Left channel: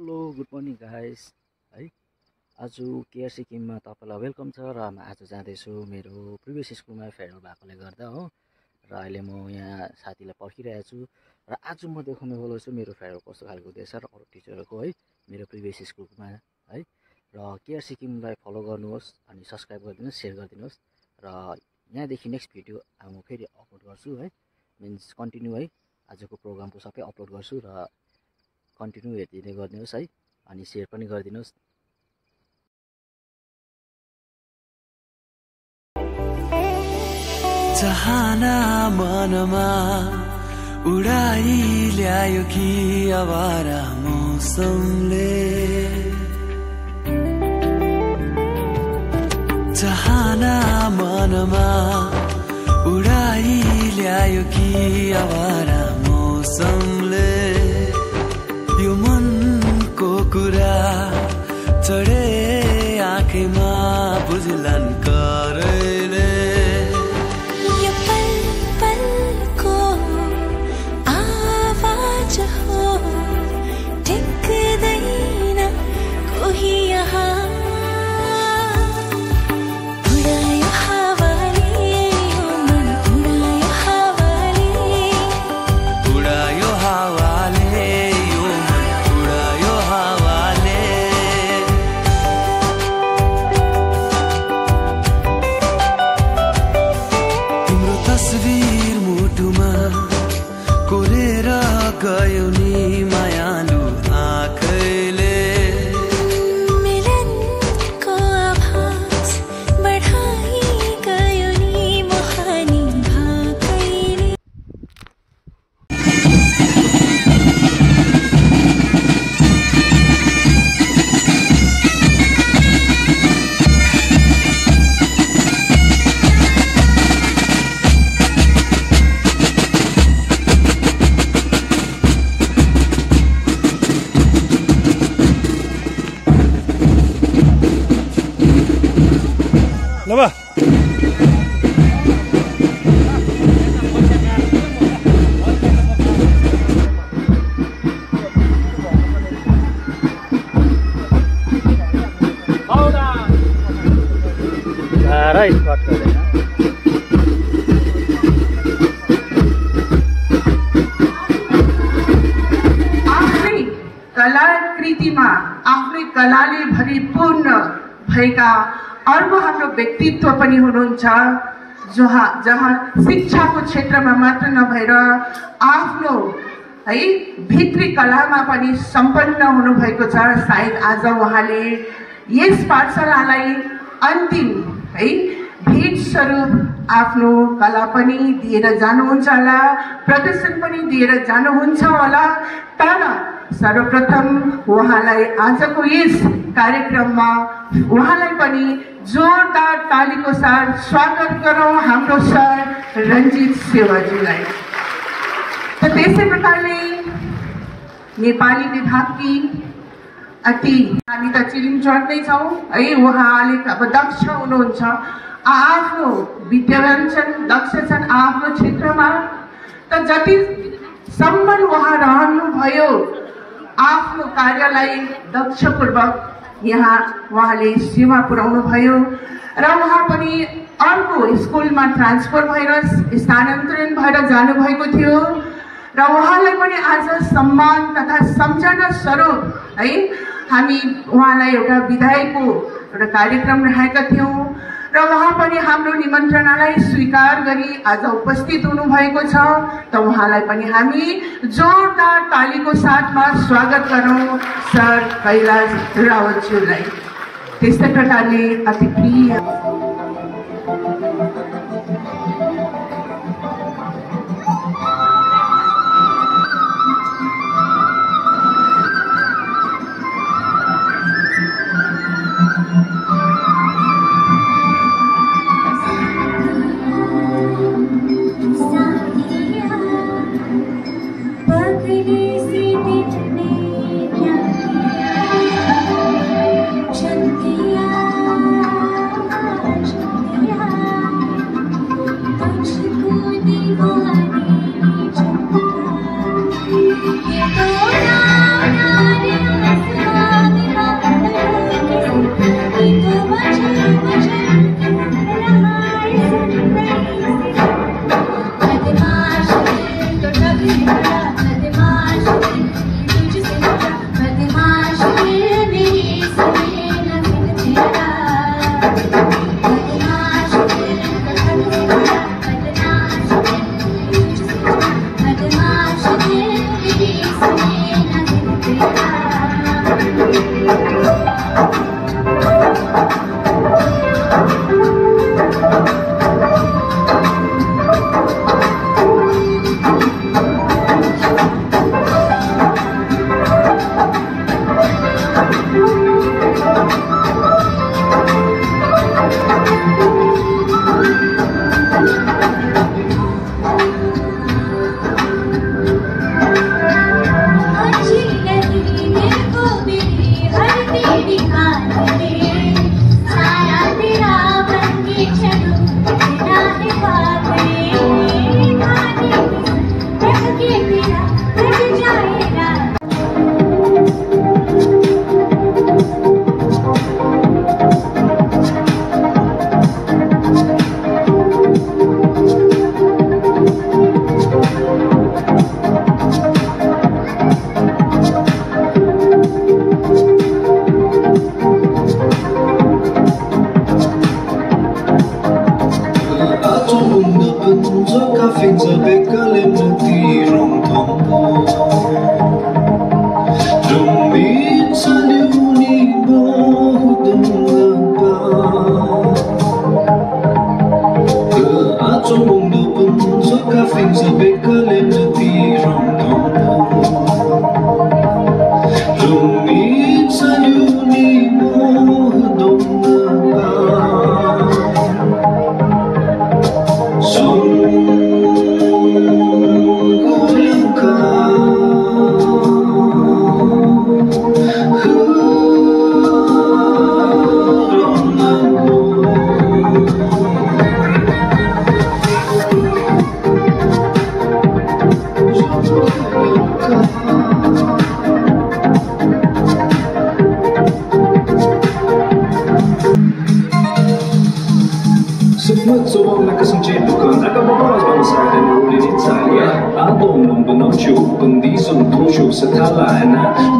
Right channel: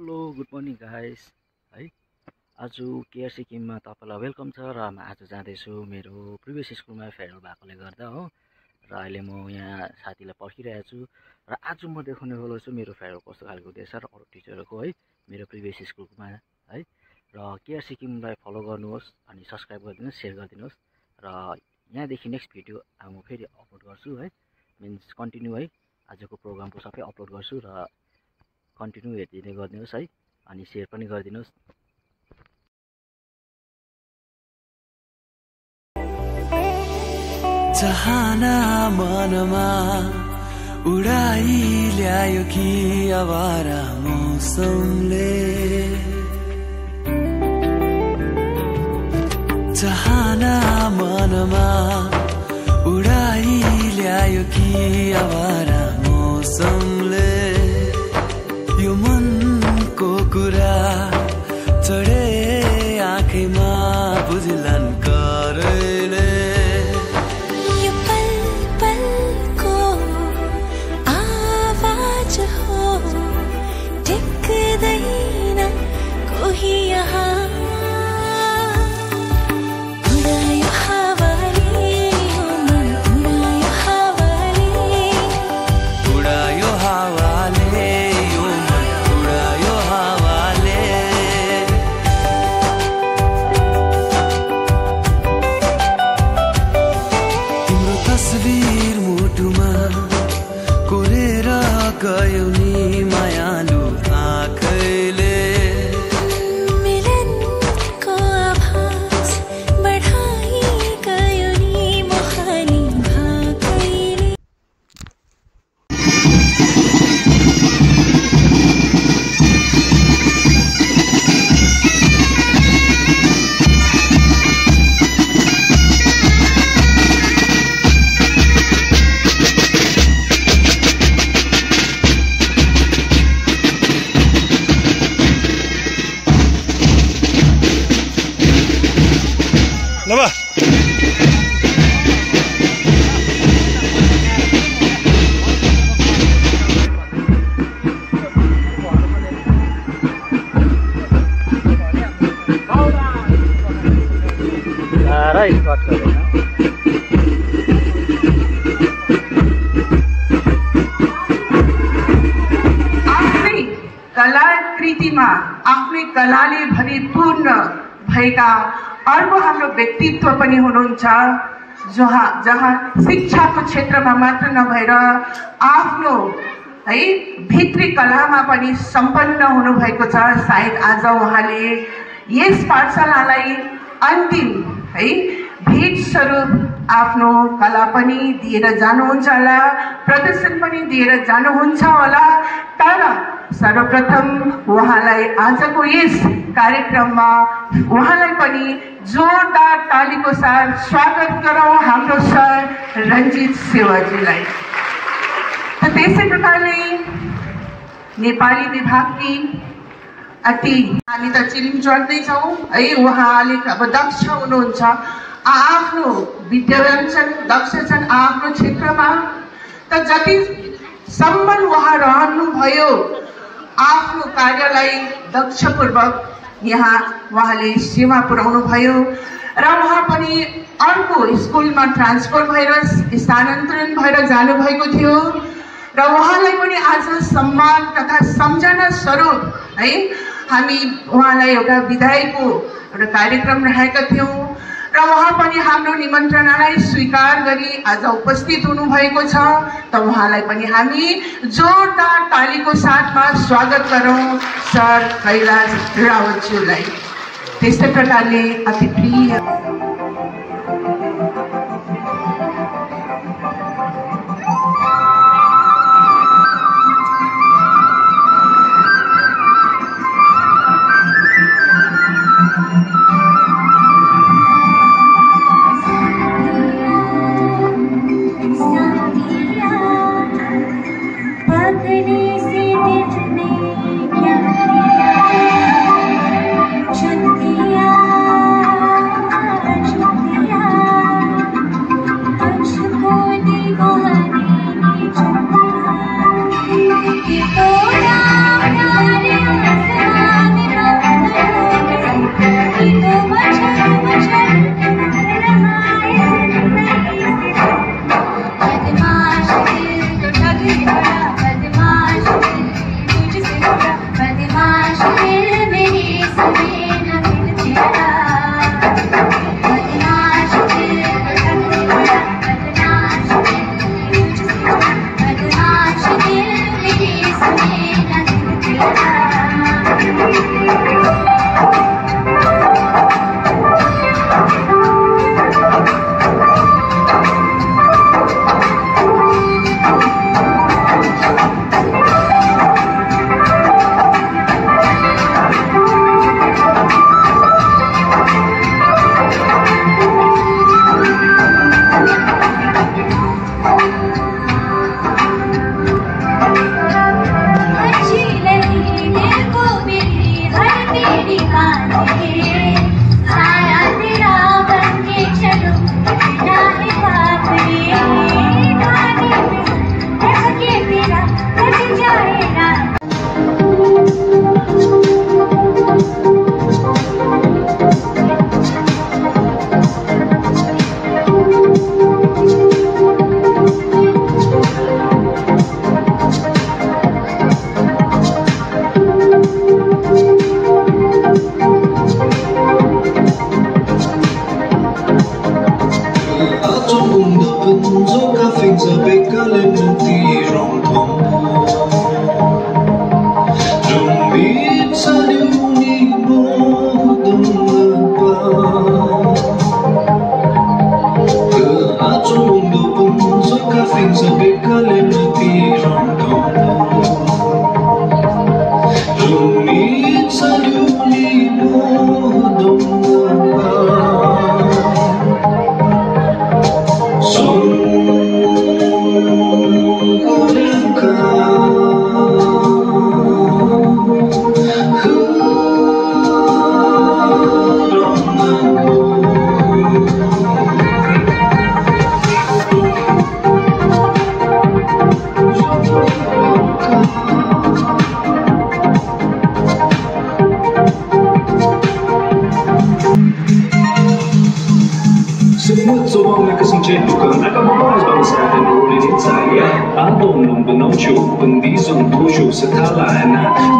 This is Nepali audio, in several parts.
हेलो गुड मर्निङ गाइस है। आज केआर सिक्किममा तपाईँलाई वेलकम छ र म आज जाँदैछु मेरो प्रिभियस स्कुलमा फेयरवेल भएकोले गर्दा हो। र अहिले म यहाँ साथीलाई पर्खिरहेको छु र आज म देखाउने वाला छु मेरो फेयरवेल कस्तो खालको हुँदैछ र अरू टिचरहरूको है मेरो प्रिभियस स्कुलमा है। र केआर सिक्किमलाई फलो गर्नुहोस् अनि सब्सक्राइब गरिदिनुहोस्, सेयर गरिदिनुहोस् र यहाँदेखि नेक्स्ट भिडियो म फेरि अपलोड गर्छु है, मिन्स कन्टिन्यू है। आजको प्रोग्रामको सबै अपलोड गर्छु र कन्टिन्यू हेरिदिँदै गरिदिनुहोस् है अनि सेयर पनि गरिदिनुहोस्। चाहना मनमा उडाई ल्यायो कि आवारा मौसमले, चाहना मनमा उडाई ल्यायो कि आवारा मौसमले, यो मनको कुरा चढे आँखैमा बुझ्लान् करैले, यो पल पलको आवाज हो टिक्दैन कोही यहाँ, उडायो हावाले यो मन, उडायो हावाले, उडायो हावाले यो मन, उडायो हावाले। तिम्रो तस्बिर मुटुमा कोरेर गयो नि मायालु आँखैले, मिलनको आभास बढाई गयो नि मोहानी भाकैले। लबा आफ्नै कलाकृतिमा आफ्नै कलाले भरिपूर्ण भएका अर्को हाम्रो व्यक्तित्व पनि हुनुहुन्छ, जहाँ शिक्षाको क्षेत्रमा मात्र नभएर आफ्नो है भित्री कलामा पनि सम्पन्न हुनुभएको छ। सायद आज उहाँले यस पाठशालालाई अन्तिम है भेट स्वरूप आफ्नो कला पनि दिएर जानुहुन्छ होला, प्रदर्शन पनि दिएर जानुहुन्छ होला। तर सर्वप्रथम उहाँलाई आजको यस कार्यक्रममा उहाँलाई पनि जोरदार तालीको साथ स्वागत गरौँ हाम्रो सर रञ्जित सेवाजीलाई। त त्यसै प्रकारले नेपाली विभागकी अति हामी त चिलिम चढ्दैछौँ है, उहाँले अब दक्ष हुनुहुन्छ, आफ्नो विद्यावञ्चन दक्ष छन् आफ्नो क्षेत्रमा। त जतिसम्म उहाँ रहनुभयो आफ्नो कार्यलाई दक्षपूर्वक यहाँ उहाँले सेवा पुर्याउनु भयो र उहाँ पनि अर्को स्कुलमा ट्रान्सफर भएर स्थानान्तरण भएर जानुभएको थियो र उहाँलाई पनि आज सम्मान तथा सम्झना स्वरूप है हामी उहाँलाई एउटा विदाईको एउटा कार्यक्रम राखेका थियौँ र उहाँ पनि हाम्रो निमन्त्रणालाई स्वीकार गरी आज उपस्थित हुनुभएको छ। त उहाँलाई पनि हामी जोरदार तालीको साथमा स्वागत गरौँ सर कैलाश रावतज्यूलाई। त्यस्तै प्रकारले अति प्रिय छतिया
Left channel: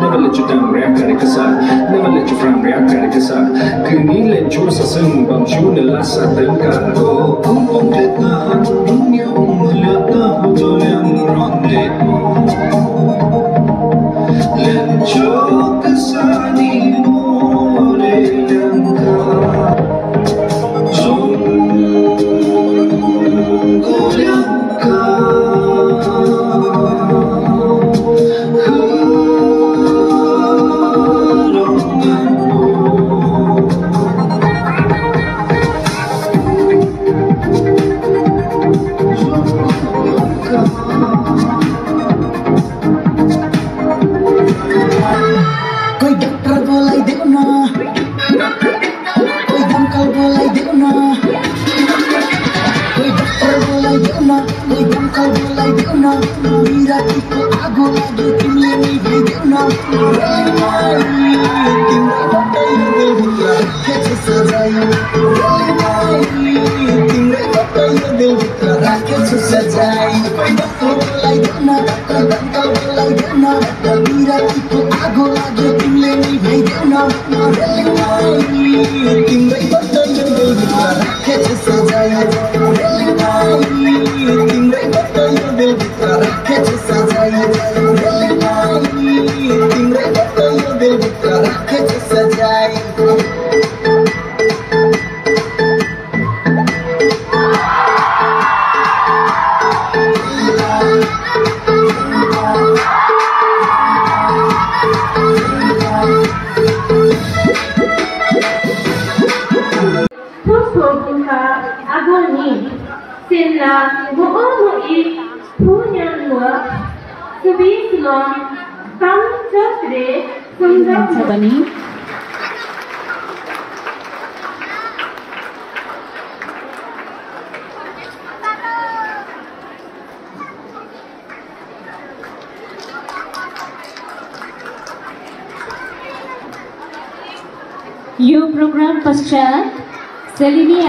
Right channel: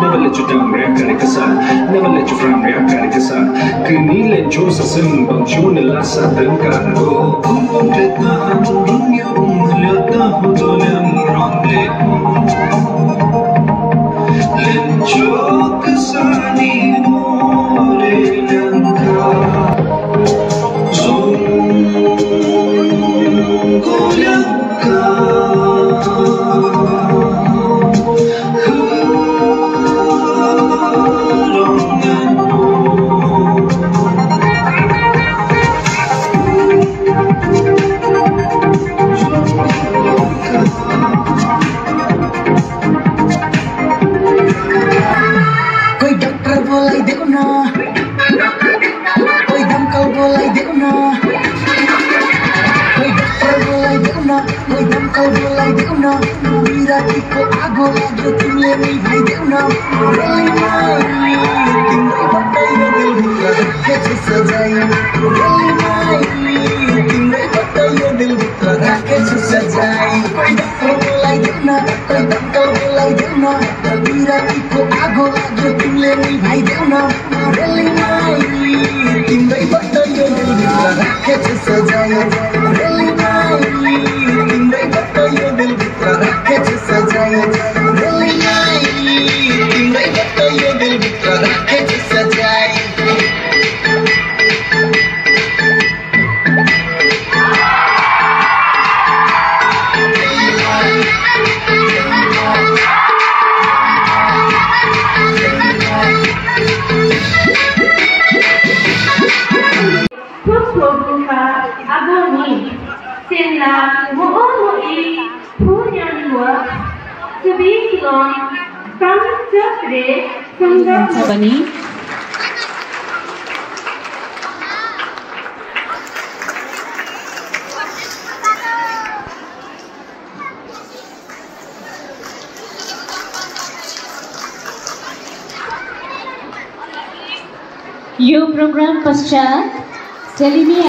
Never let you down, react karikasa. Never let you frown, react karikasa. Kini let you sa sing bang shoe na lasa tengkar ko. Kumpang let na dunia umalat na hudolan ronde ko. Let you kasani mo lelang ka. Zong golang ka. यो प्रोग्राम पश्चात सेलिनी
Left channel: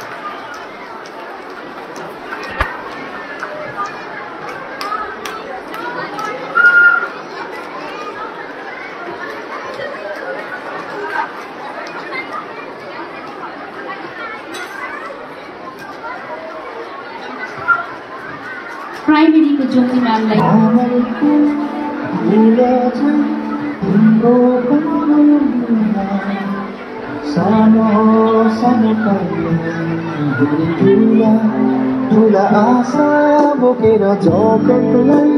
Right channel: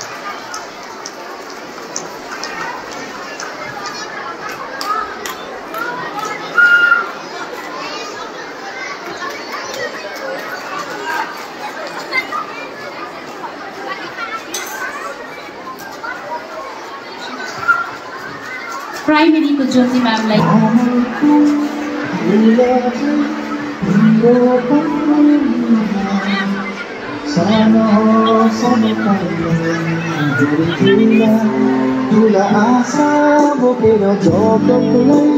प्राइमेरी को ज्योति म्यामलाई सानो सानो ठुला आशा बोकेर जगतलाई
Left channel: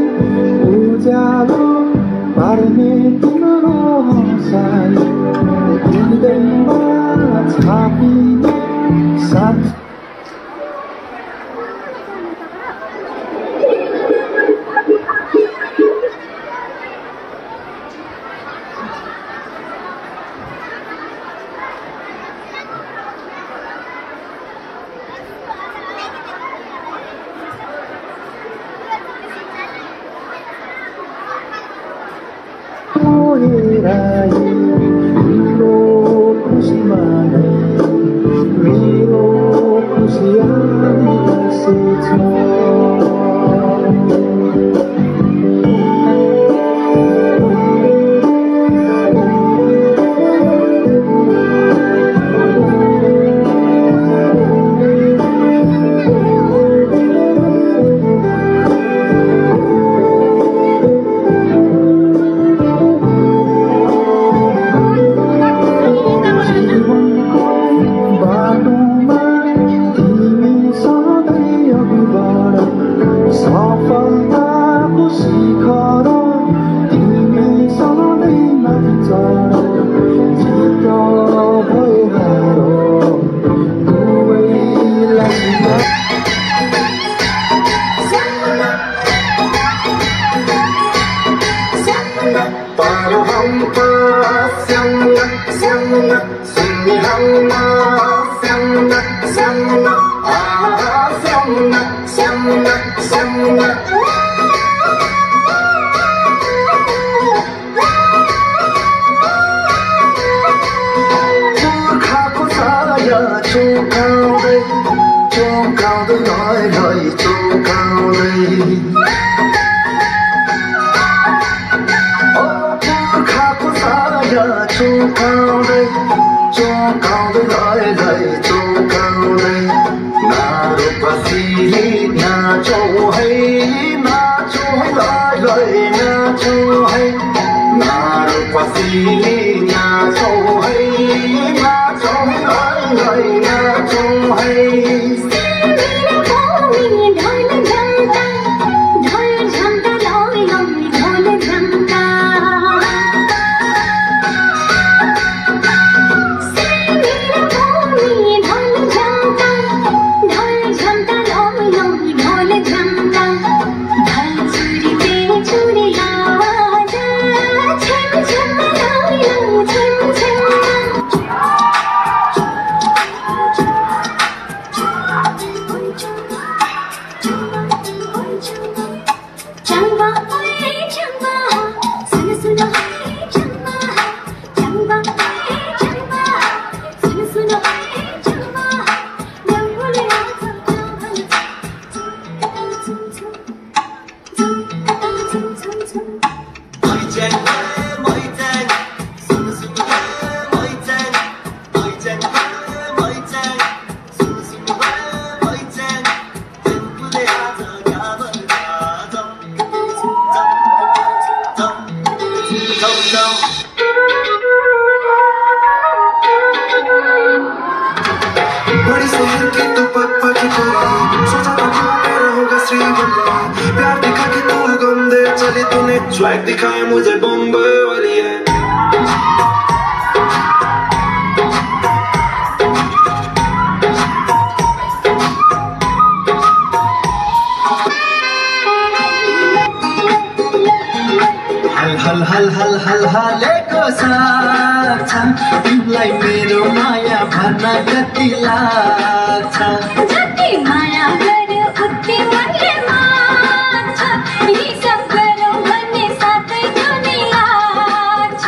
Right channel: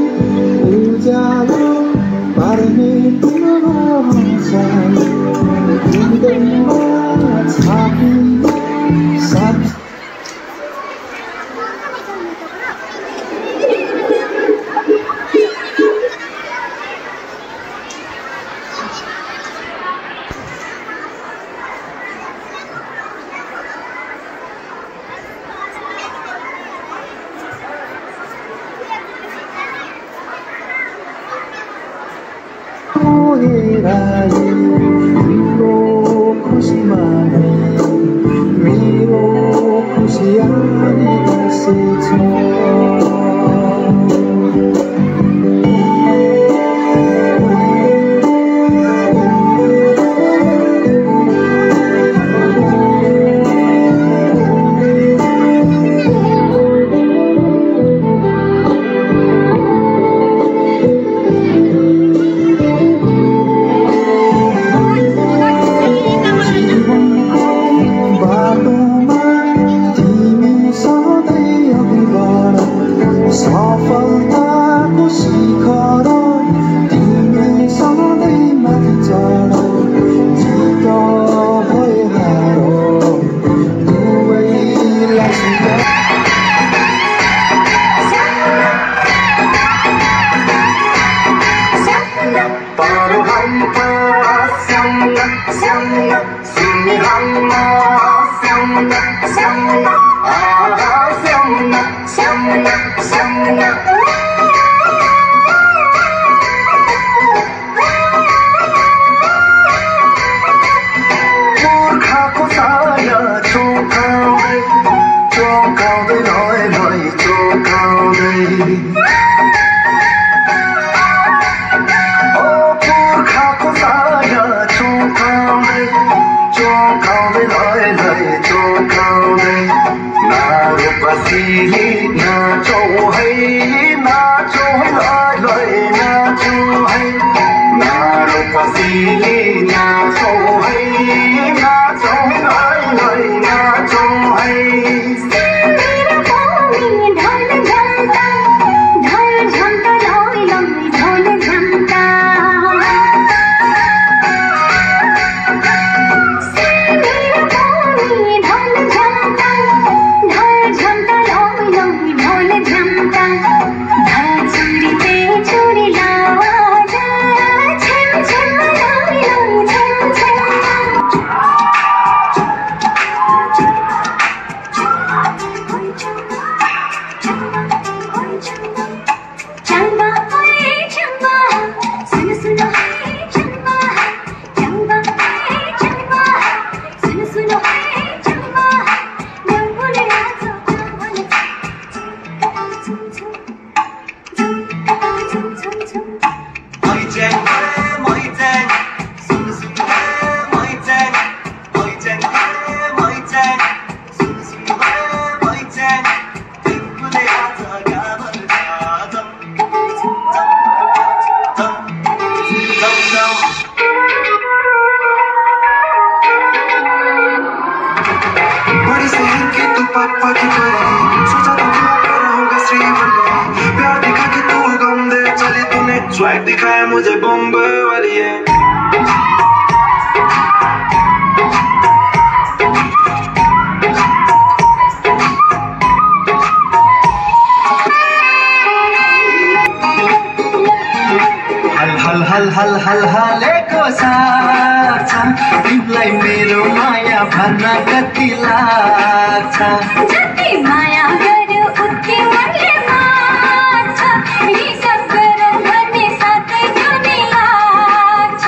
उज्यालो पार्ने तिम्रो हँसाइ हृदयमा छापी साथ स्वैग दिखाए मुझे बॉम्बे वाली है हल हल हल हल हलेको साथ तिमीलाई मेरो माया भन्न कति लाग्छ जति माया गर्यो उति मनले मान्छ हिसाब गरौँ भन्ने साथै जुनी लाग्छ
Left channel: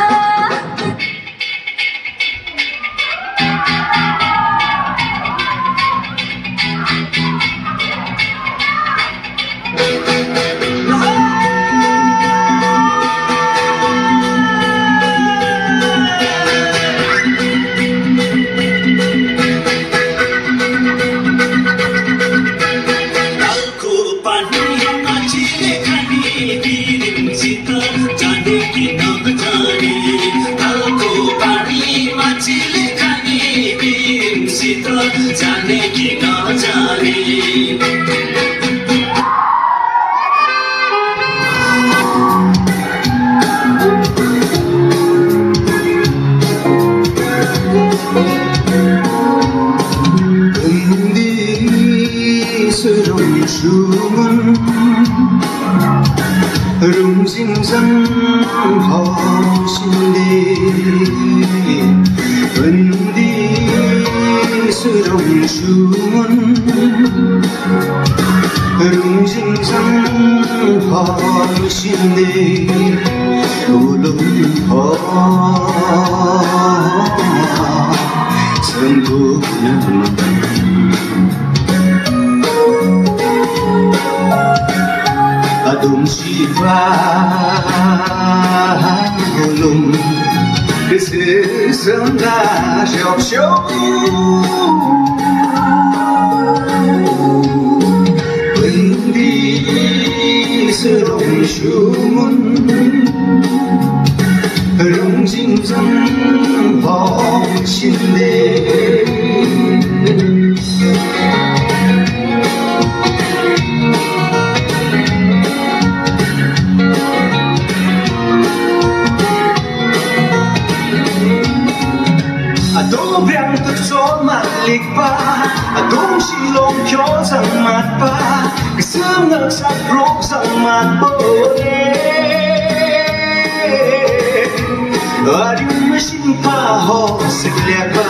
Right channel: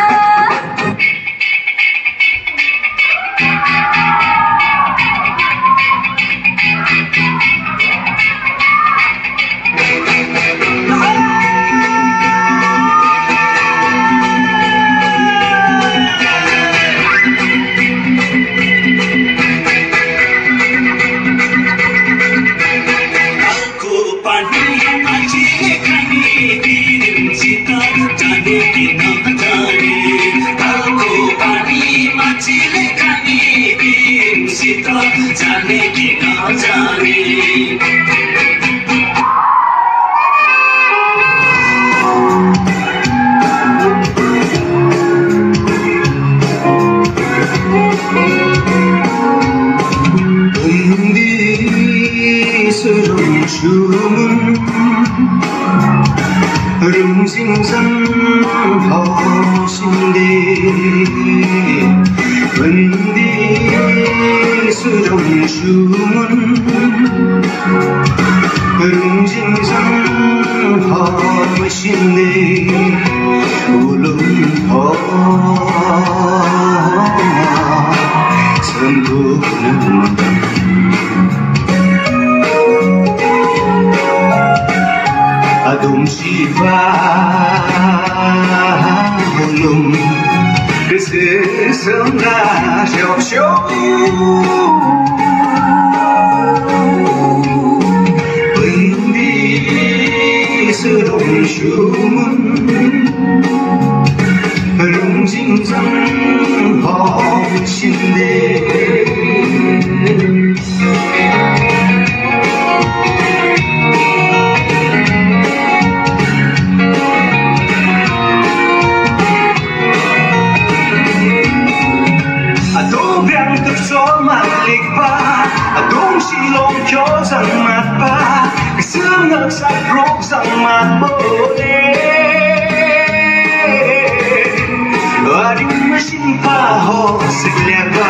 जाने के कहाँ जाने rumsingsan hausinde bandi surum shumun rumsingsan hausinde ulum ha sandukunam adum shiva hulum kesesanga shop shop bendi serum shumun rum jing sang ho shinde Adung silong kyo sang mat pa Kasam nagsak rok sang mat bole Ading masin pa ho sigla pa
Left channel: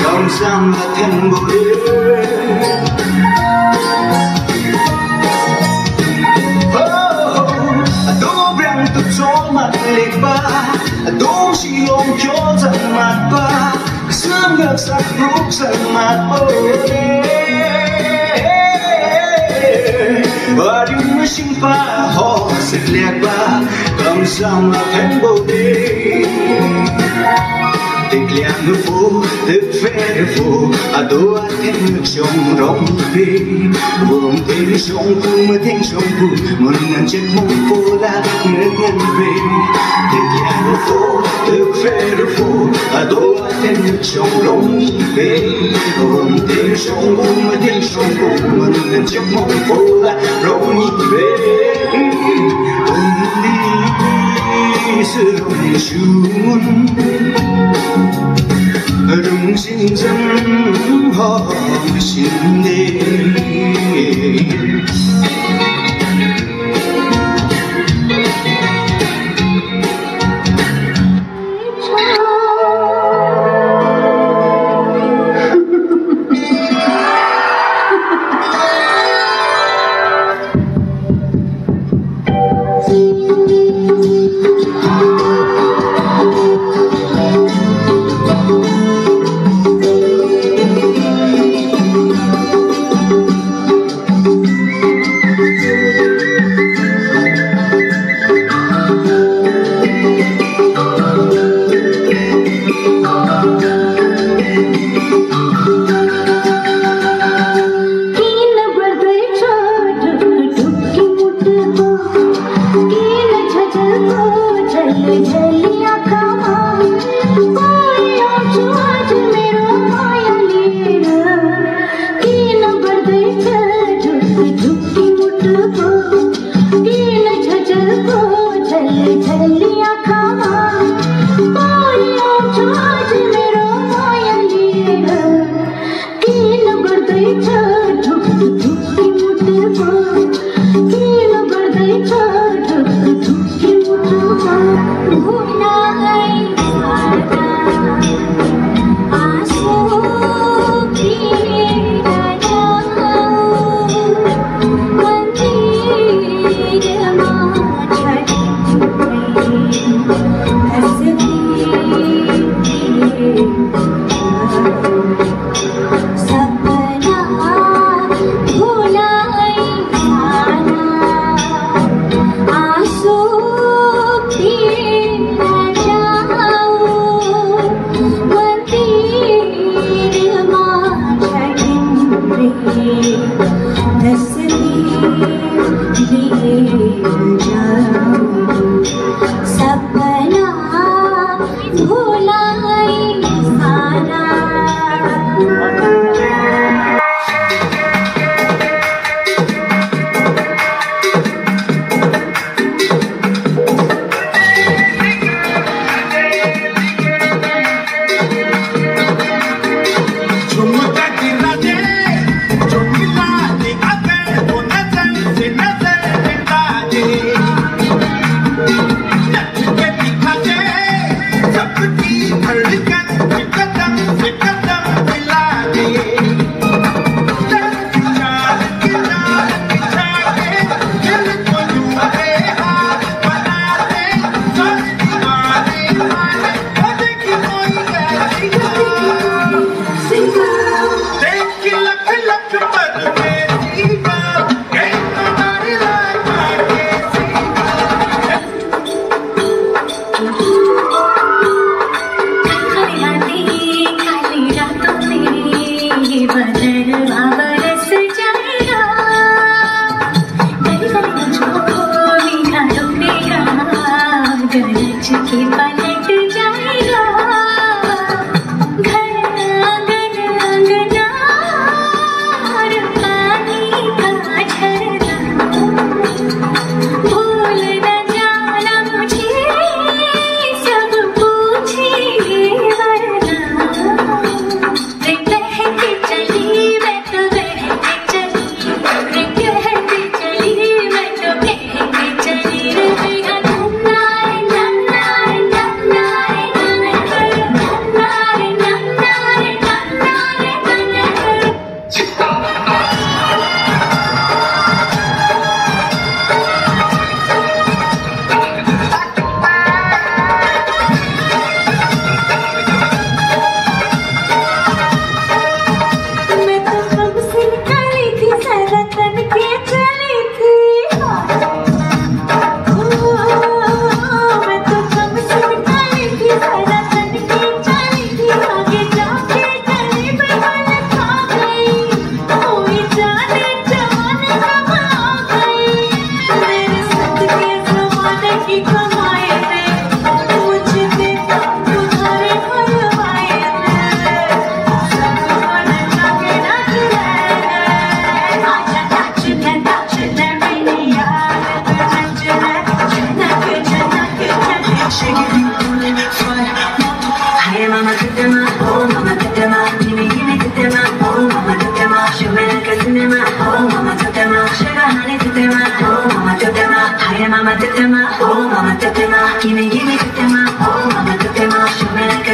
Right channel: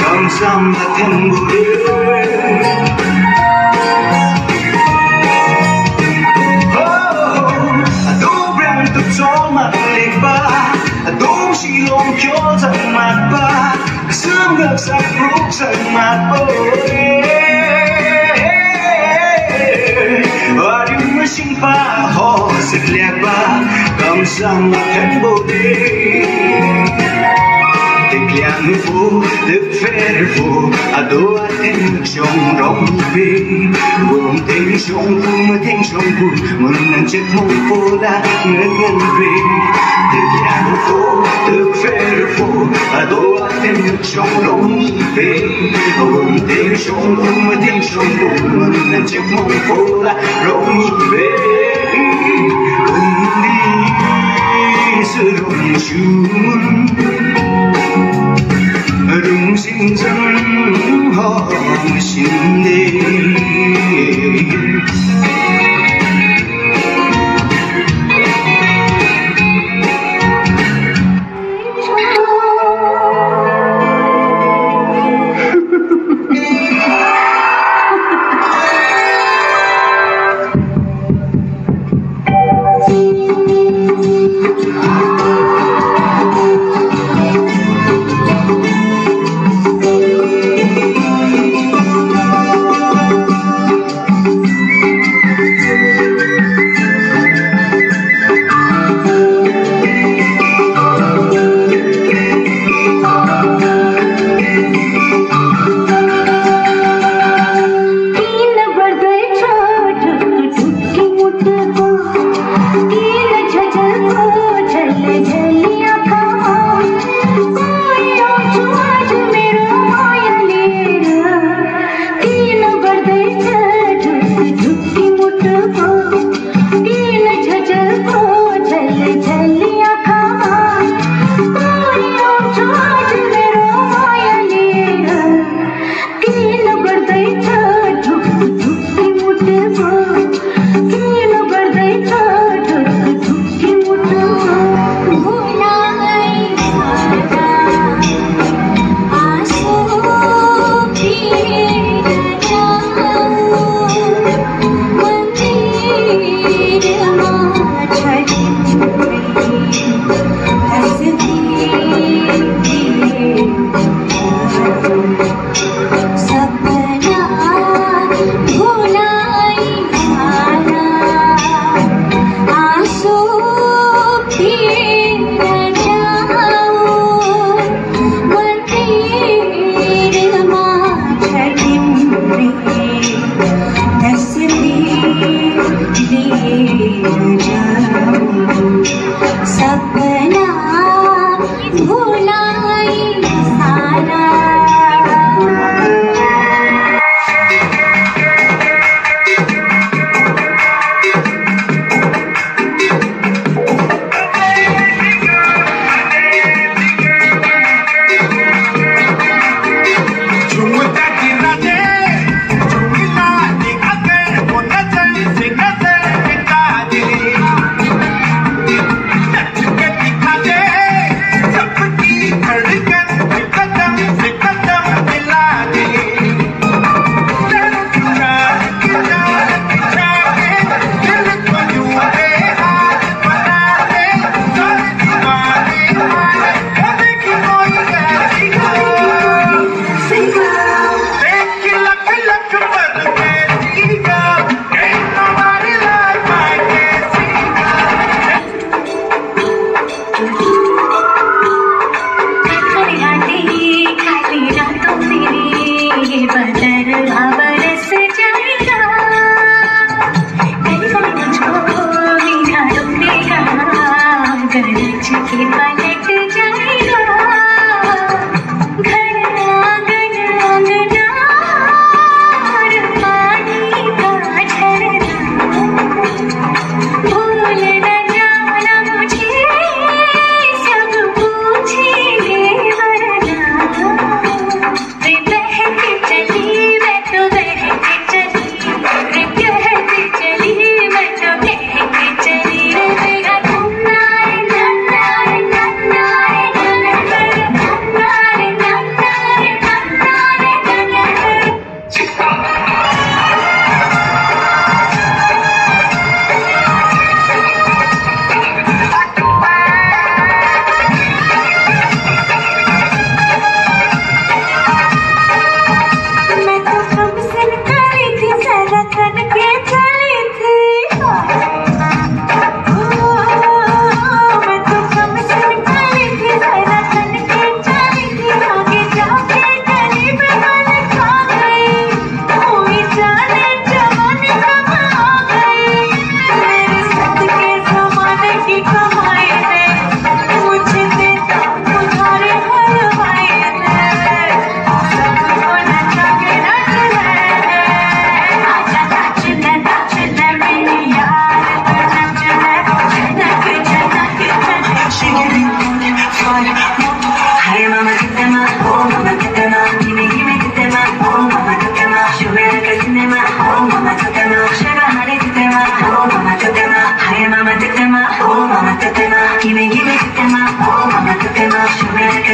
Kam sang maten bole Adung brang tuk so mat lik pa Adung silong kyo sang mat pa Kasam nagsak rok sang mat bole Ading masin pa ho sigla pa Kam sang maten bole Thực liang phố, thực phê phố Ado aten trong rong về Vùng tên trong khu mà tên trong khu Một nàng chết mong phố là ngân ngân về Thực liang phố, thực phê phố Ado aten trong rong về Vùng tên trong khu mà tên trong khu Một nàng chết mong phố là rong về Cùng đi sự rong chung Rung sinh dân họ xin đi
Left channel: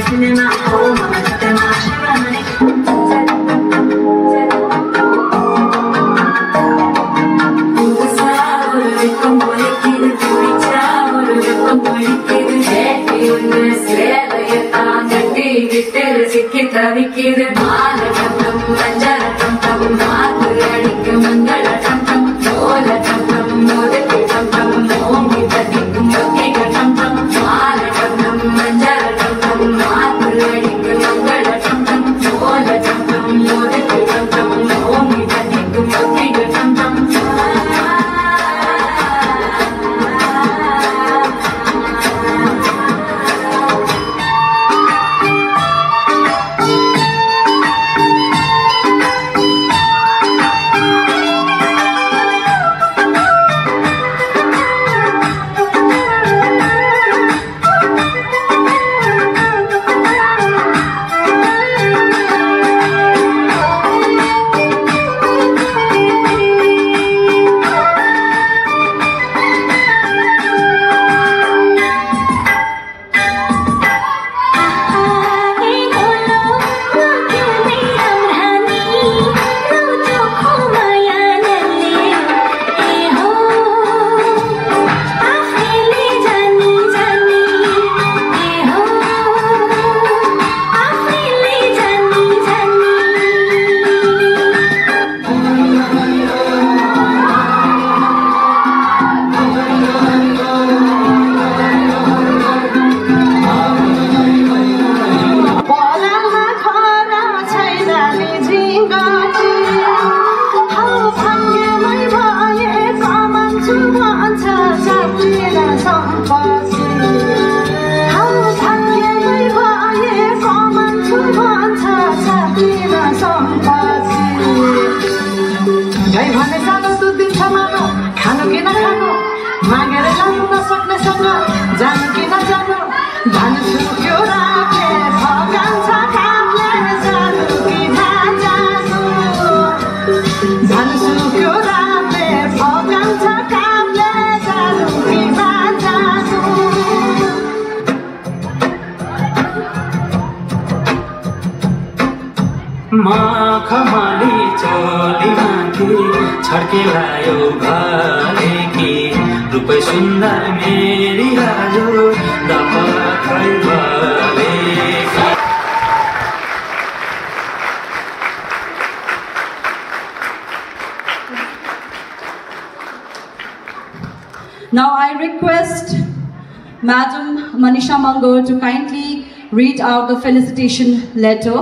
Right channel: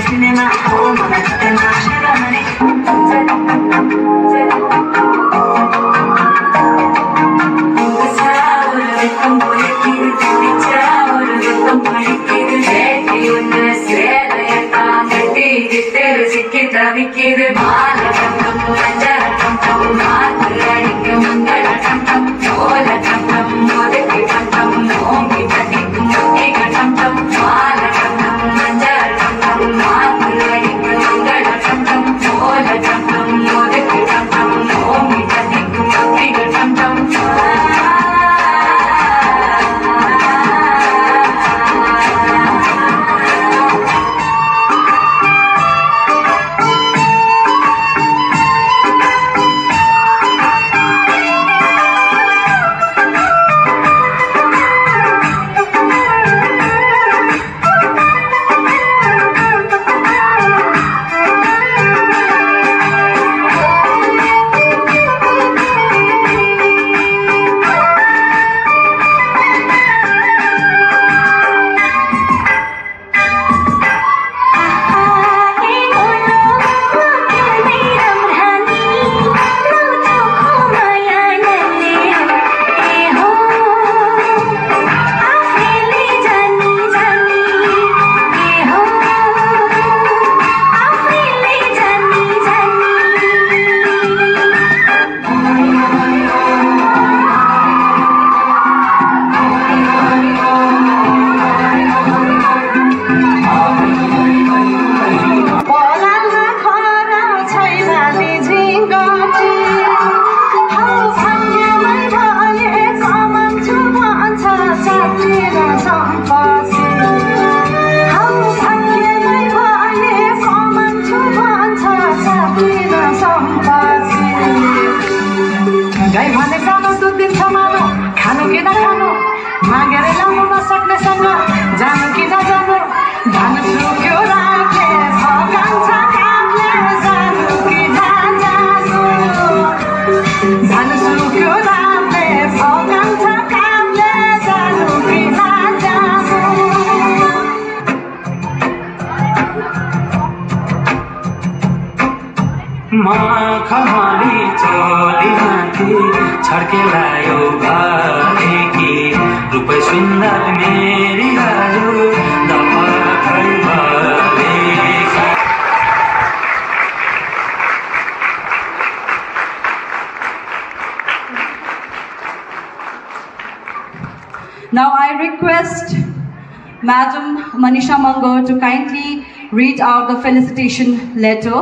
cinema हो मलाई जुत्तामा शिवानी விக்கிது மால கண்டம் மஞ்சள் கண்டம் மாத்து அடிக்கும் மங்கள கண்டம் சோல கண்டம் மோதக்கு கண்டம் ஓங்கி பதிக்கும் முக்கிக கண்டம் மால கண்டம் மஞ்சள் கண்டம் மாத்து அடிக்கும் மங்கள கண்டம் சோல கண்டம் மோதக்கு கண்டம் ஓங்கி பதிக்கும் முக்கிக கண்டம் खमाली चोली माथि छड्केलायो भालेकी रूपै सुन्दर मेरी Raju दफाखै भालेकी। Now I request Madam Manisha Mango to kindly read out the felicitation letter.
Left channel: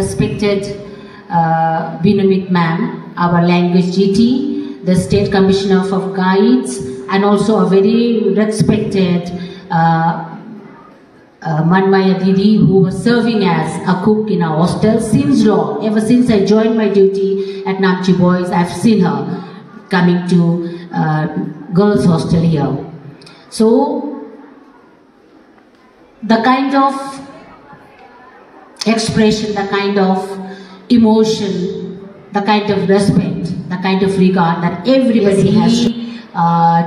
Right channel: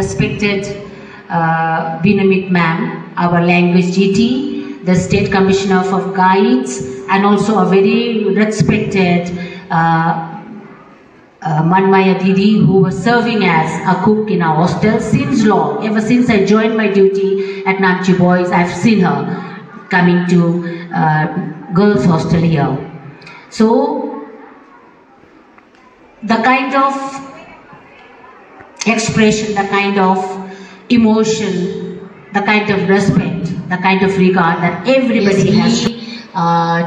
Respected Binamit Ma'am, our language GT, the State Commissioner of Guides, and also a very respected Manmaya Didi, who was serving as a cook in our hostel since long. Ever since I joined my duty at Namchi Boys, I've seen her coming to girls hostel here. So the kind of expression, the kind of emotion, the kind of respect, the kind of regard that everybody has.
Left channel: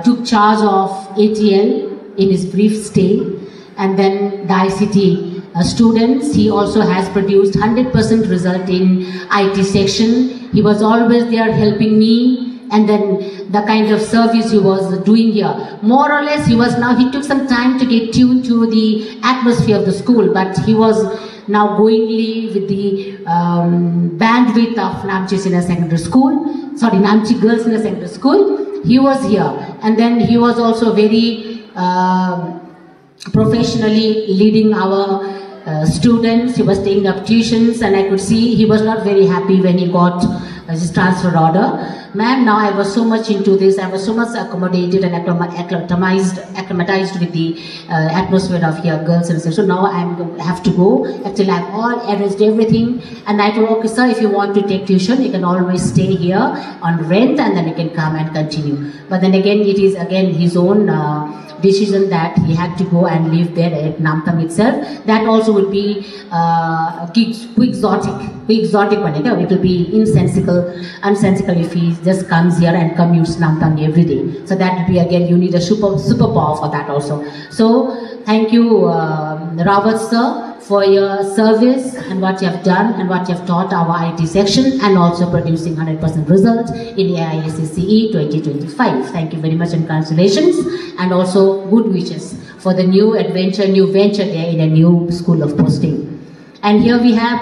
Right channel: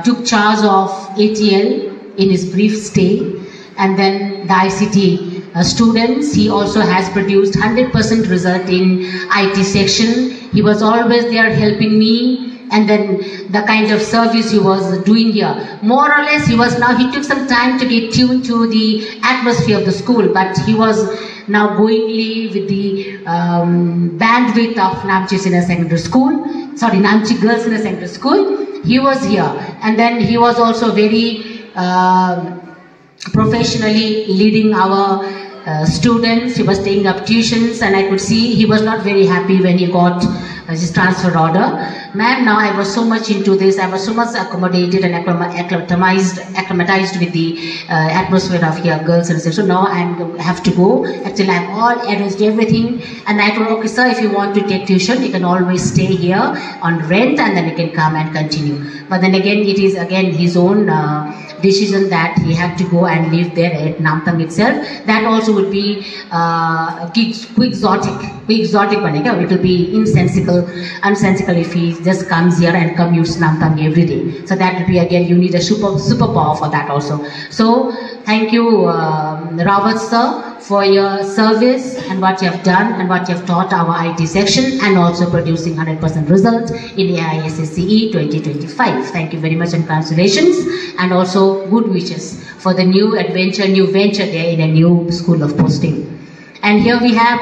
Took charge of ATL in his brief stay, and then the ICT students. He also has produced 100% result in IT section. He was always there helping me, and then the kind of service he was doing here. More or less, he took some time to get tuned to the atmosphere of the school, but he was now goingly with the bandwidth of Namche Senior Secondary School, Namche Girls Senior Secondary School. He was here, and then he was also very professionally leading our students. He was taking up tuitions, and I could see he was not very happy when he got his transfer order. Ma'am, now I was so much into this, I was so much accommodated and acclimatized with the atmosphere of here, girls and so now I have to go. Actually, I've all arranged everything, and I told, okay sir, if you want to take tuition, you can always stay here on rent, and then you can come and continue. But then again, it is again his own decision that he had to go and live there at Namtang itself. That also would be quixotic. It will be unsensical if he just comes here and commutes Namtang every day. So that would be again, you need a superpower for that also. So thank you, Rawat sir, for your service and what you have done and what you have taught our IT section, and also producing 100% result in AISSCE 2025. Thank you very much and congratulations, and also good wishes for the new venture there in a new school of posting. And here we have